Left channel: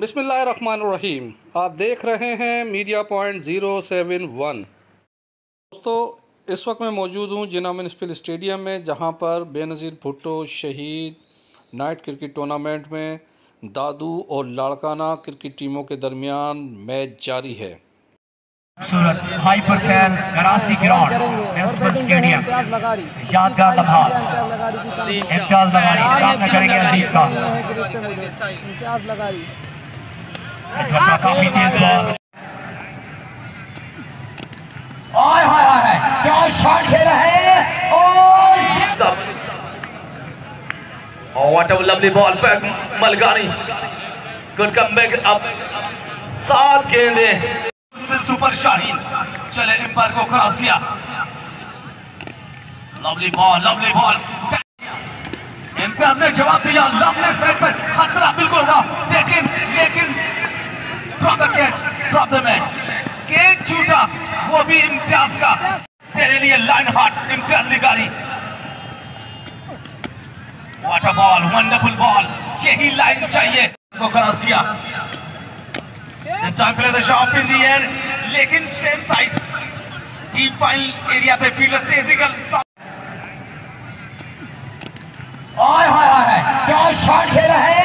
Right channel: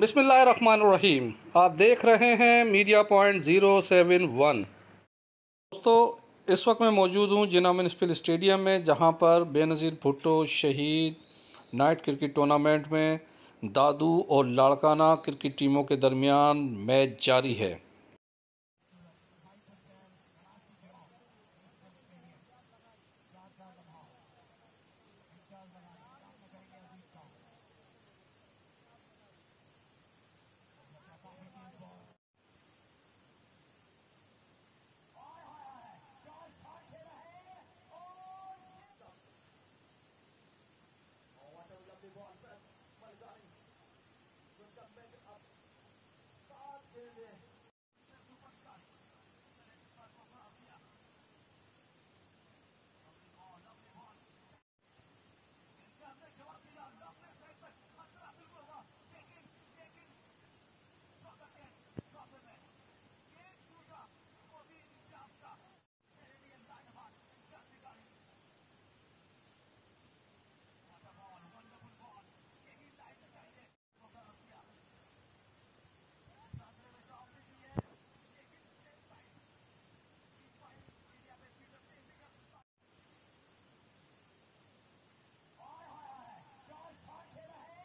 बिस्मिल्लाहिर्रहमानिर्रहीम। आप देख रहे हैं मीडिया पॉइंट 071। दोस्तों, इस वक्त मैं मौजूद हूँ जिन्ना म्यूनिसिपल स्टेडियम में, जहाँ पर बेनज़ीर भुट्टो शहीद नाइट क्रिकेट टूर्नामेंट में दादू और लाड़काना क्रिकेट टीमों के दरमियान मैच जारी है। सूरत हाइपरकैल कराची ग्राउंड म्यूनिसिपल स्टेडियम यादगार लम्हा इम्तियाज लगारी सामना करेंगे अजीज का। इस वक्त काफी तेज बॉल, हाय हाय हाय क्या शॉट खेला है और what a lovely ball for Malkani. Good comeback, अब 7 गेंदें सुपर शाहीन चले एम्पायर को क्रॉस किया। लवली बॉल इम्तियाज ने जवाब दिया। लवली साइड पर खतरा बिल्कुल हुआ, लेकिन ड्रॉप द मैच। कैच छूटा, वो भी इम्तियाज का। तेरे लिए लाइन हार्ट इम्तियाज निकाली। What a ball, wonderful ball, यही लाइन चाहिए। को क्रॉस किया। This time play the shot in the air, लेकिन safe side deep final area पे फील्डर तेजी का हाय हाय हाय क्या शॉट खेला है